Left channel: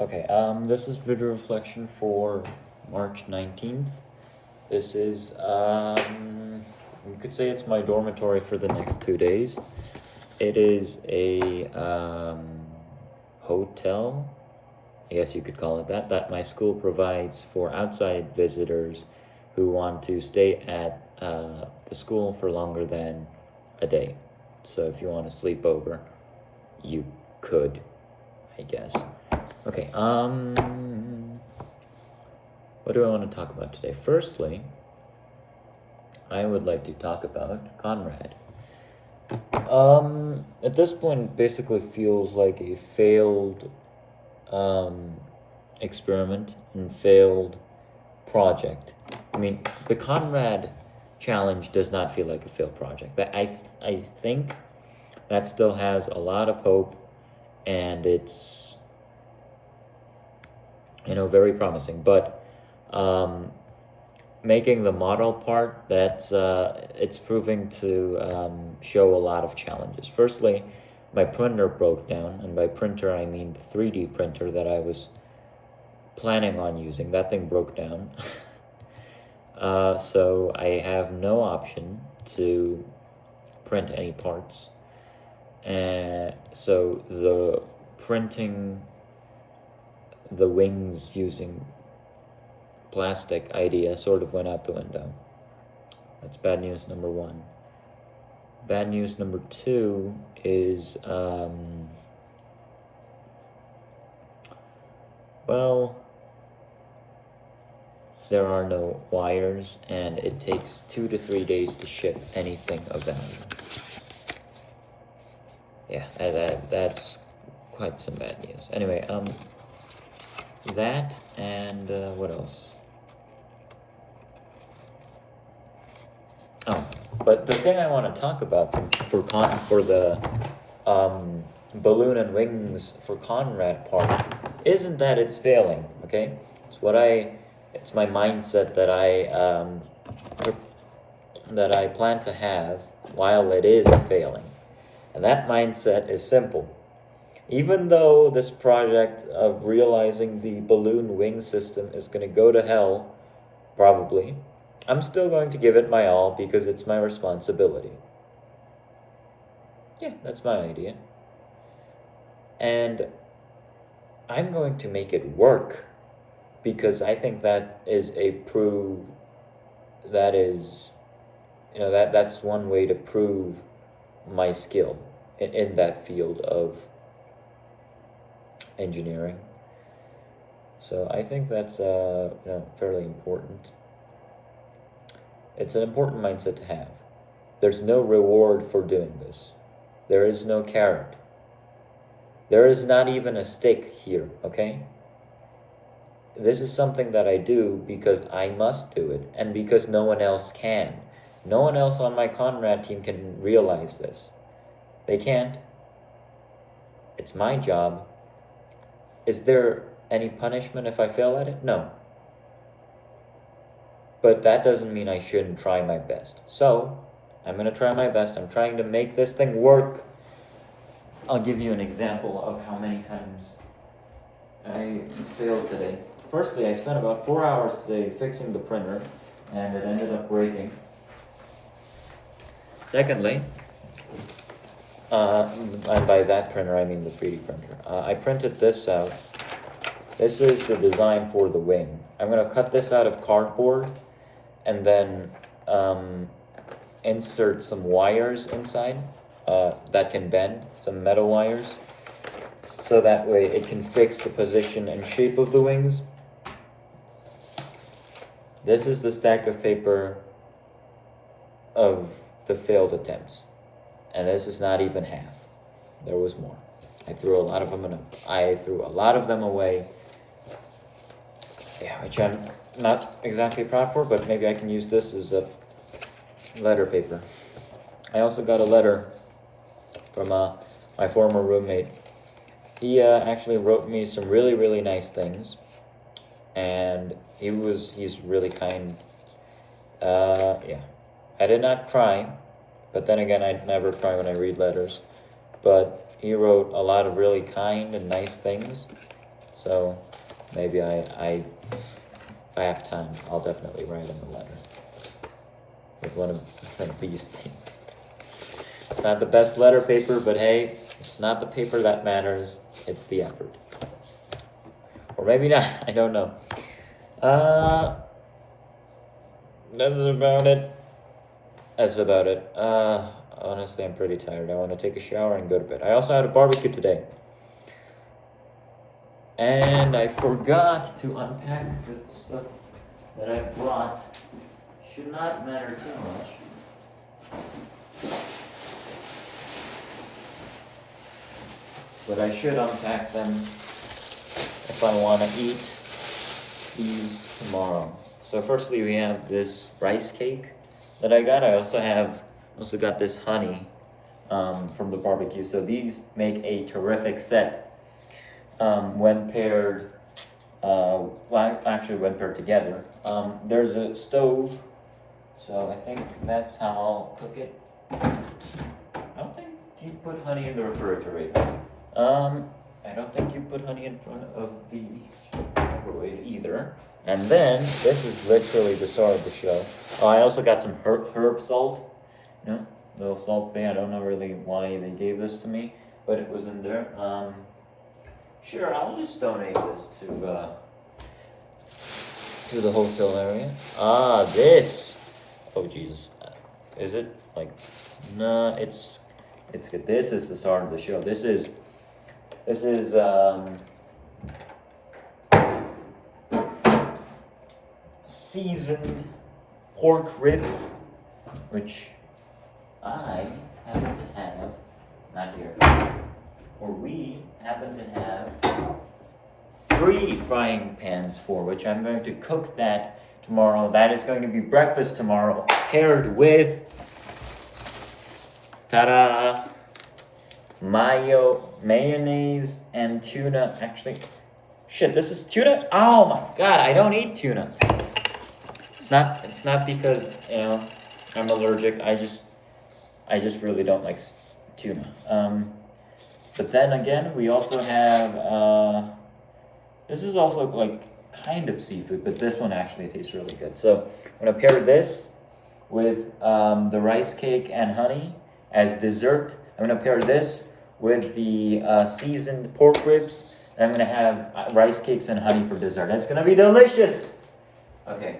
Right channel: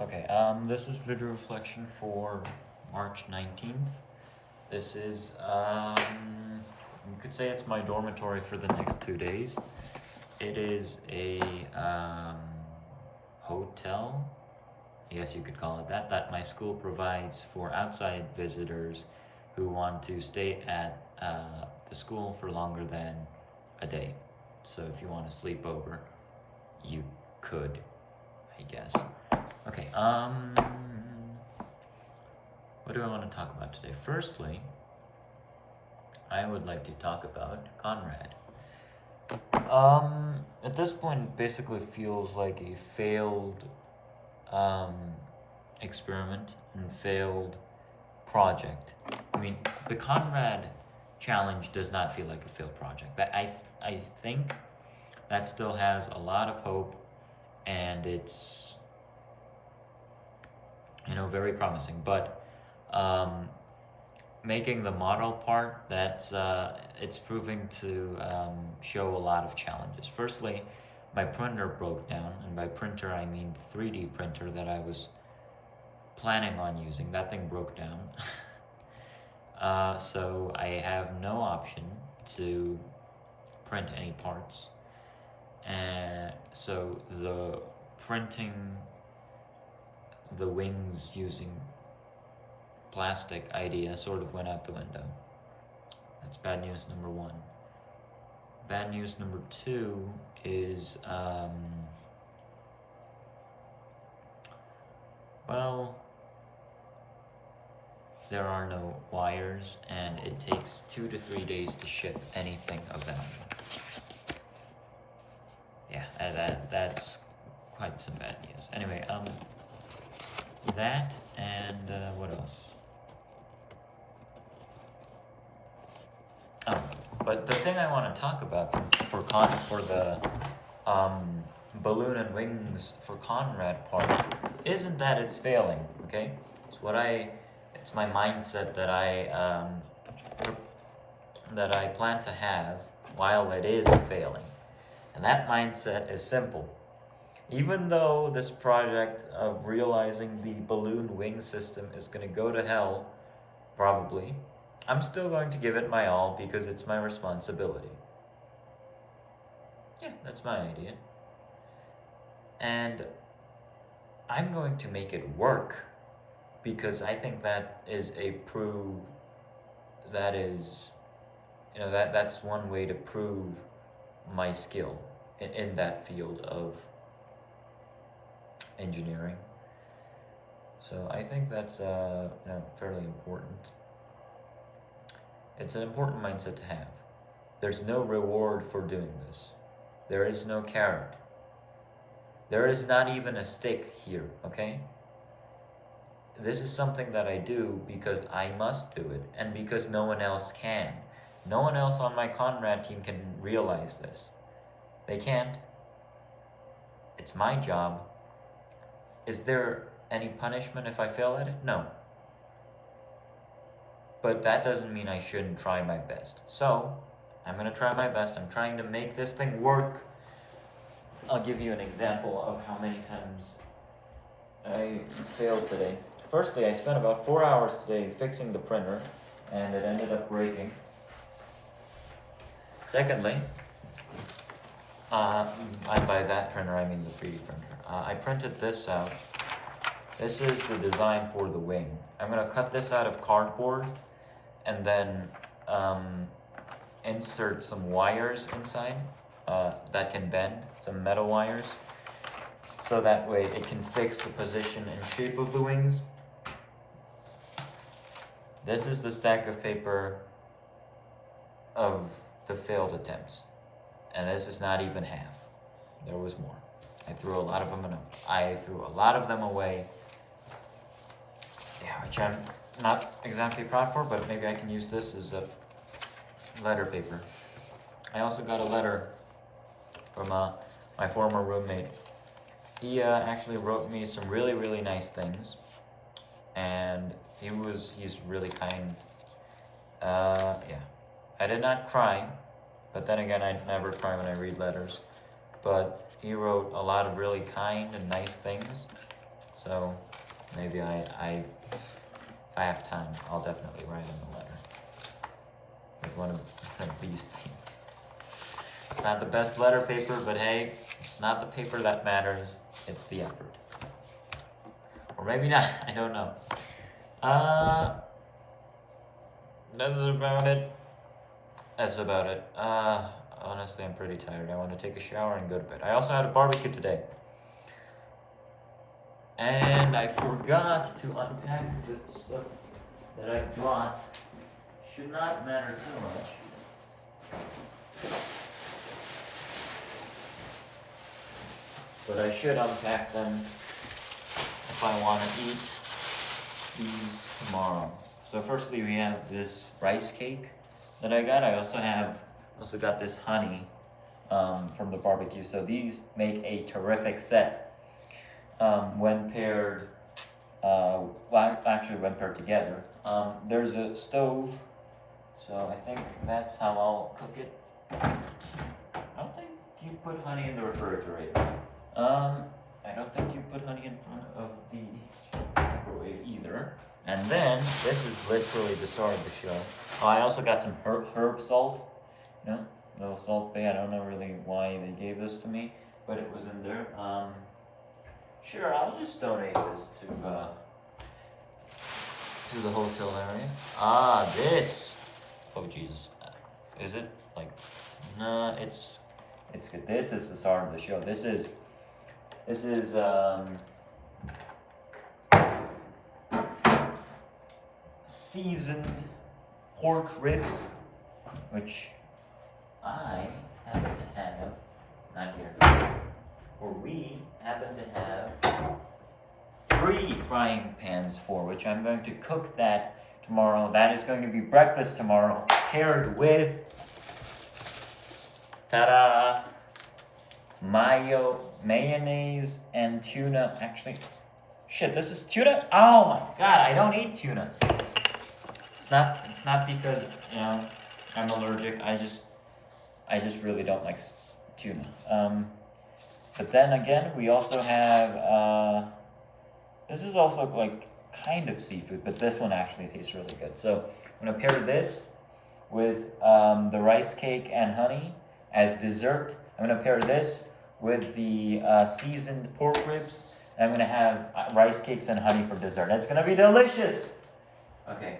Okay, this is video reflection for March 19th. This is, you could say it's my dormitory for the next 2 days. It is a, hotel, I guess you could call it that my school provides for outside visitors who want to stay at, the school for longer than a day. So if you want to sleep over, you could, I guess. Okay, what do I want to talk about today? Firstly, I would like to talk about Conrad. At this point, it basically feels like a failed, experiment and failed project. I mean, the Conrad challenge does not feel like a failed project. But I think that still has a lot of hope, and it's very promising. But making the model part, that's it's proving to show a lot of challenges. Firstly, my printer broke down, and by printer I mean the 3D printer that I was planning on using. That thing broke down. So I have no option to print any parts, and so the printing the wings using plastic idea sort of went out the window. That's bad news number one. Bad news number two is, well, there are no wires, and it takes 2 to 3 days to ship anything of value. Yeah, that's quite some bad news. Anyway, that and what else? Oh, but the thing I want to talk about for the balloon and wings for Conrad part isn't that it's failing. Okay, it's my mindset that I plan to have while it is failing, and that mindset is simple. Even though this project of realizing the balloon wing system is going to go to hell, probably, I'm still going to give it my all because it's my responsibility. Yeah, that's my idea. And I'm going to make it work because I think that is that's one way to prove my skill in that field of engineering. So I think that's fairly important. It's an important mindset to have. There's no reward for doing this. There is no carrot. There is not even a stick here, okay? This is something that I do because I must do it, and because no one else can. No one else on my Conrad team can realize this. They can't. It's my job. Is there any punishment if I fail at it? No. But that doesn't mean I shouldn't try my best. So, I'm going to try my best. I'm trying to make this thing work. I'll give you an example of how many times I failed today. Firstly, I spent about 4 hours today fixing the printer, and it ended up breaking. Secondly, and by that printer I mean the 3D printer, I printed this out. This is the design for the wing. I'm going to cut this out of cardboard and then insert some wires inside that can bend, some metal wires, so that way it can fix the position and shape of the wings. This is the stack of paper of the failed attempts, and this is not even half. There was more. I threw a lot of them away. Yeah, which I'm not exactly proud for, but maybe I can use this as a letter paper. I also got a letter from my former roommate. He actually wrote me some really, really nice things, and he's really kind. Yeah, I did not cry, but then again, I never cry when I read letters. But he wrote a lot of really kind and nice things, So maybe if I have time, I'll definitely write him a letter with one of these things. It's not the best letter paper, but hey, it's not the paper that matters, it's the effort. Or maybe not, I don't know. That's about it. Honestly, I'm pretty tired. I want to take a shower and go to bed. I also had a barbecue today. And I forgot to unpack the stuff that I brought. Should not matter too much. But I should unpack them if I want to eat these tomorrow. So firstly, we have this rice cake that I got. I also got this honey from the barbecue. So these make a terrific set when paired. When paired together. There's a stove, so I think that's how I'll cook it. I don't think you put honey in the refrigerator. I don't think you put honey in front of the microwave either. And then, this is literally the star of the show. Oh, I also got some herb salt. Little salt thing. I don't know really why they gave this to me, but it was in there. Sure, I'll just donate this to the hotel area. This. Oh, Jesus. Is it? No, it's good. This is the star of the show. This is seasoned pork ribs, which I happen to have, not here, or we happen to have 3 frying pans for, which I'm going to cook that tomorrow. That is going to be breakfast tomorrow, paired with, ta-da, mayonnaise and tuna. Actually, shit, this is tuna? Oh my god, I don't eat tuna. It's not because, I'm allergic. I just really don't like tuna. But then again, we also have, this is also kind of seafood, but this one actually tastes really good. So I'm gonna pair this with the rice cake and honey as dessert. I'm gonna pair this with the seasoned pork ribs. And I'm gonna have rice cakes and honey for dessert. It's gonna be delicious. Okay.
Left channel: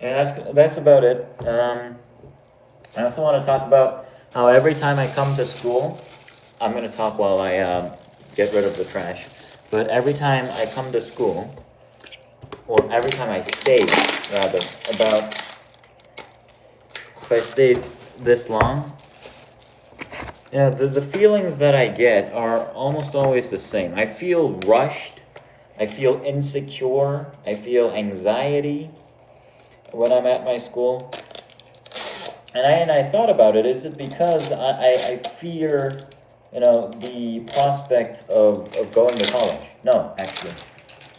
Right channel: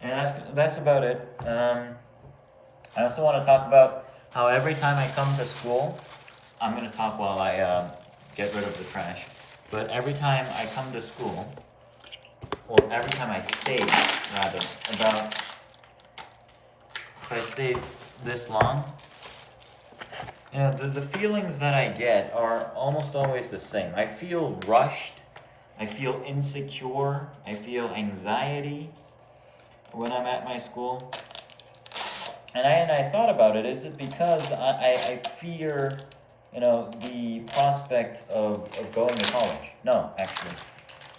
And that's about it. I also want to talk about how every time I come to school, I'm gonna talk while I get rid of the trash. But every time I come to school, or every time I stay, rather, if I stayed this long, the feelings that I get are almost always the same. I feel rushed, I feel insecure, I feel anxiety when I'm at my school. And I thought about it, is it because I fear, the prospect of going to college? No, actually.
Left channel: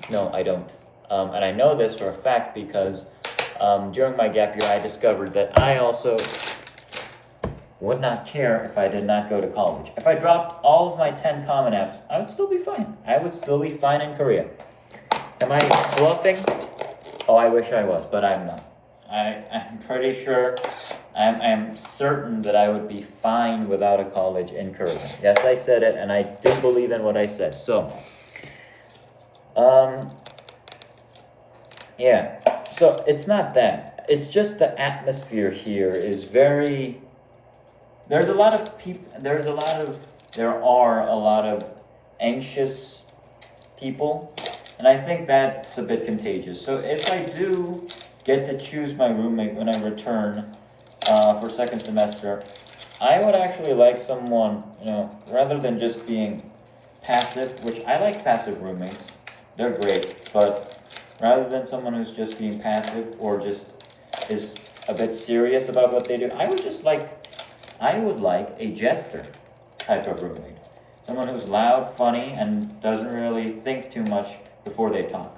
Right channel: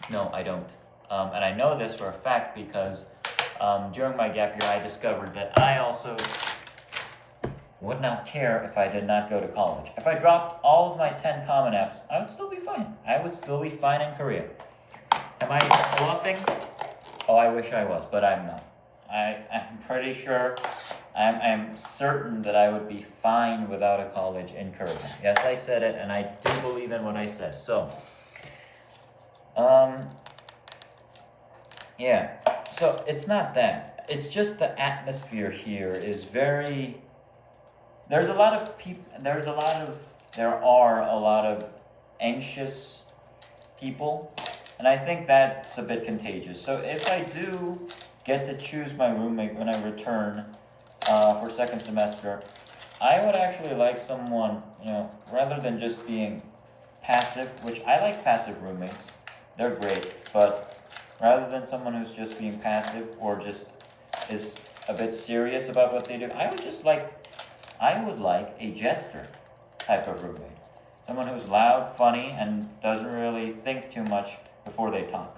No, I don't. And I know this for a fact because during my gap year, I discovered that I also would not care if I did not go to college. If I dropped all of my 10 Common Apps, I would still be fine. I would still be fine in Korea. Am I bluffing? Oh, I wish I was, but I'm not. I'm pretty sure, I'm certain that I would be fine without a college in Korea. Yes, I said it, and I do believe in what I said. So, yeah. So it's not that. It's just the atmosphere here is very. There are a lot of anxious people, and I think that's a bit contagious. So if I do get to choose my roommate when I return for second semester, I would actually like someone, rather than just being passive, which I like passive roommates, they're great, but rather than someone who's just being passive or just is a bit serious about what they do, I would like a jester type of roommate. Someone who's loud, funny, and doesn't really think too much before they talk.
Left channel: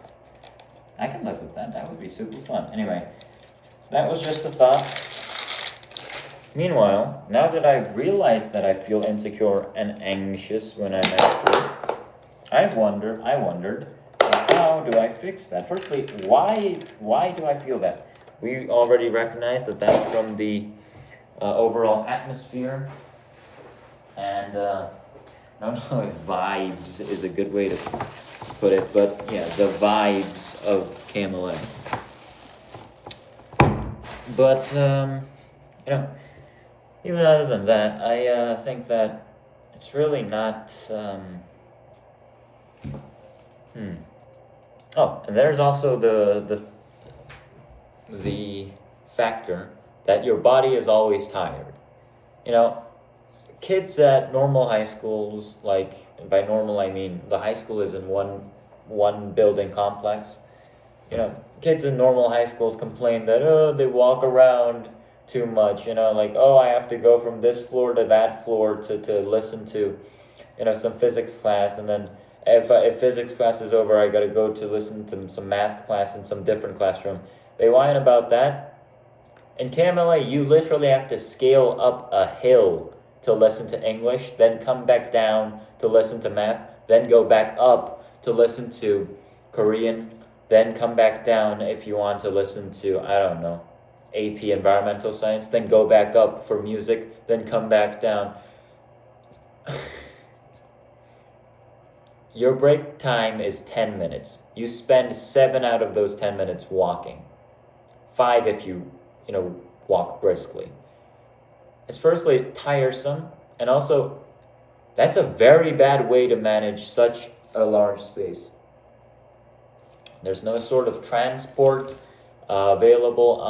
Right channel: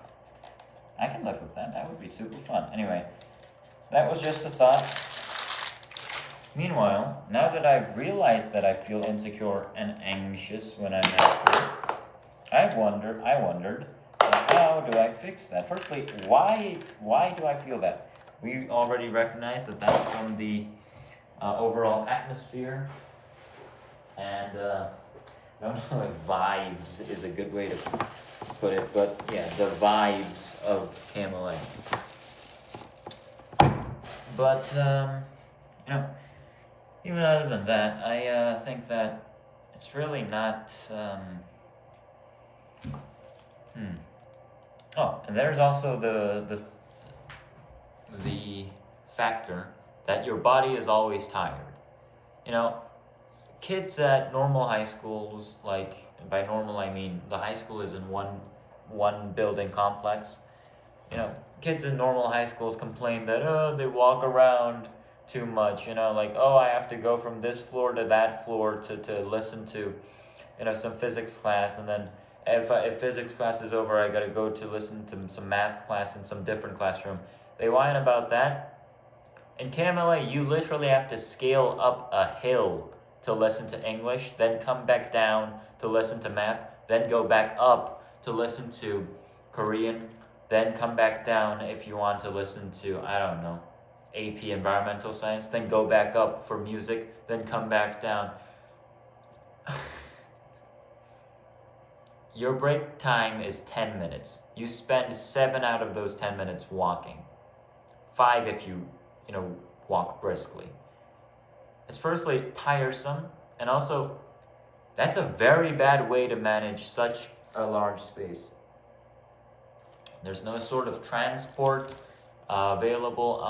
I can live with that. That would be super fun. Anyway, that was just a thought. Meanwhile, now that I've realized that I feel insecure and anxious when I'm at school, I wondered, how do I fix that? Firstly, why do I feel that? We already recognized that that's from the overall atmosphere, and I don't know if vibes is a good way to put it, but yeah, the vibes of KMLA. But you know, even other than that, I think that it's really not. Hmm. Oh, and there's also the factor that your body is always tired. You know, kids at normal high schools, like by normal I mean the high school is in one building complex. You know, kids in normal high schools complain that they walk around too much. You know, like I have to go from this floor to that floor to listen to, some physics class, and then if physics class is over, I gotta go to listen to some math class in some different classroom. They whine about that. In KMLA, you literally have to scale up a hill to listen to English, then come back down to listen to math, then go back up to listen to Korean, then come back down if you want to listen to, I don't know, AP Environmental Science, then go back up for music, then come back down. Your break time is 10 minutes. You spend 7 out of those 10 minutes walking. 5 if you walk briskly. It's firstly tiresome, and also that's a very bad way to manage such a large space. There's no sort of transport available.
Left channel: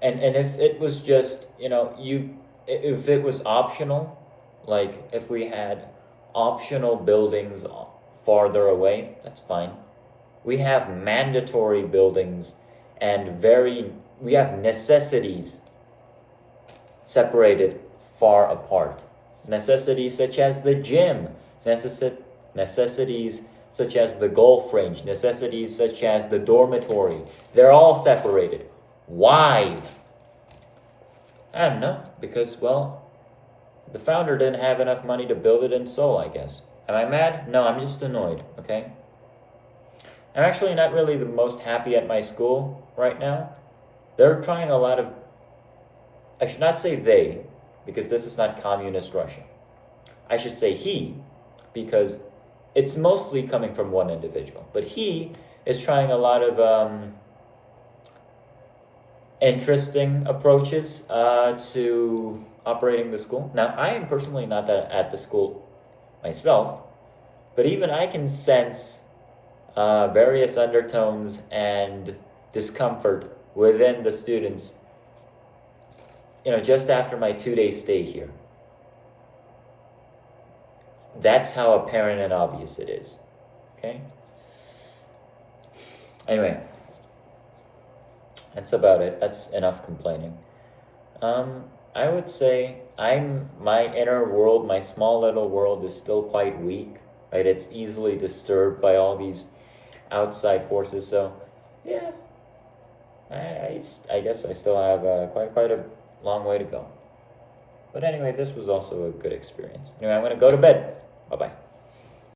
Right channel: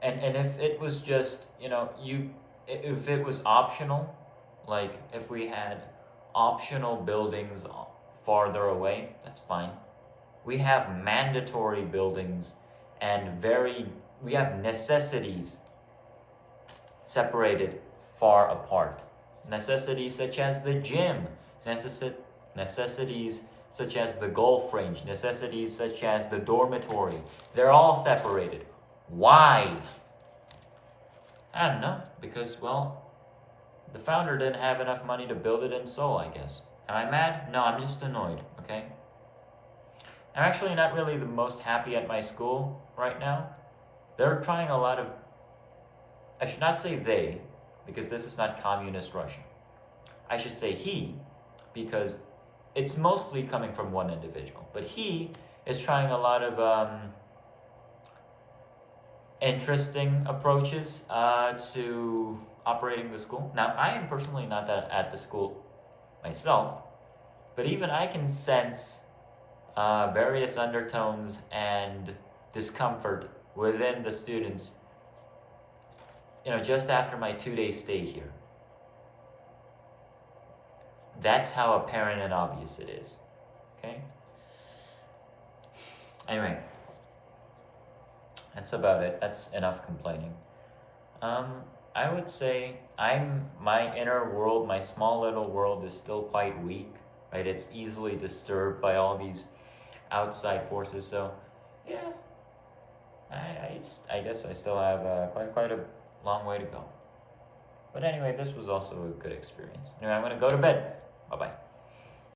And if it was just if it was optional, like if we had optional buildings farther away, that's fine. We have mandatory buildings and we have necessities separated far apart. Necessities such as the gym, necessities such as the golf range, necessities such as the dormitory. They're all separated. Why? I don't know, because, well, the founder didn't have enough money to build it in Seoul, I guess. Am I mad? No, I'm just annoyed, okay? I'm actually not really the most happy at my school right now. They're trying a lot of... I should not say they, because this is not communist Russia. I should say he, because it's mostly coming from one individual. But he is trying a lot of interesting approaches to operating the school. Now, I am personally not at the school myself, but even I can sense various undertones and discomfort within the students, just after my 2-day stay here. That's how apparent and obvious it is. Okay? Anyway, that's about it. That's enough complaining. I would say my inner world, my small little world is still quite weak, right? It's easily disturbed by all these outside forces. So, yeah, I guess I still have quite a long way to go. But anyway, this was also a good experience. Anyway, I'm going to go to bed. Bye-bye.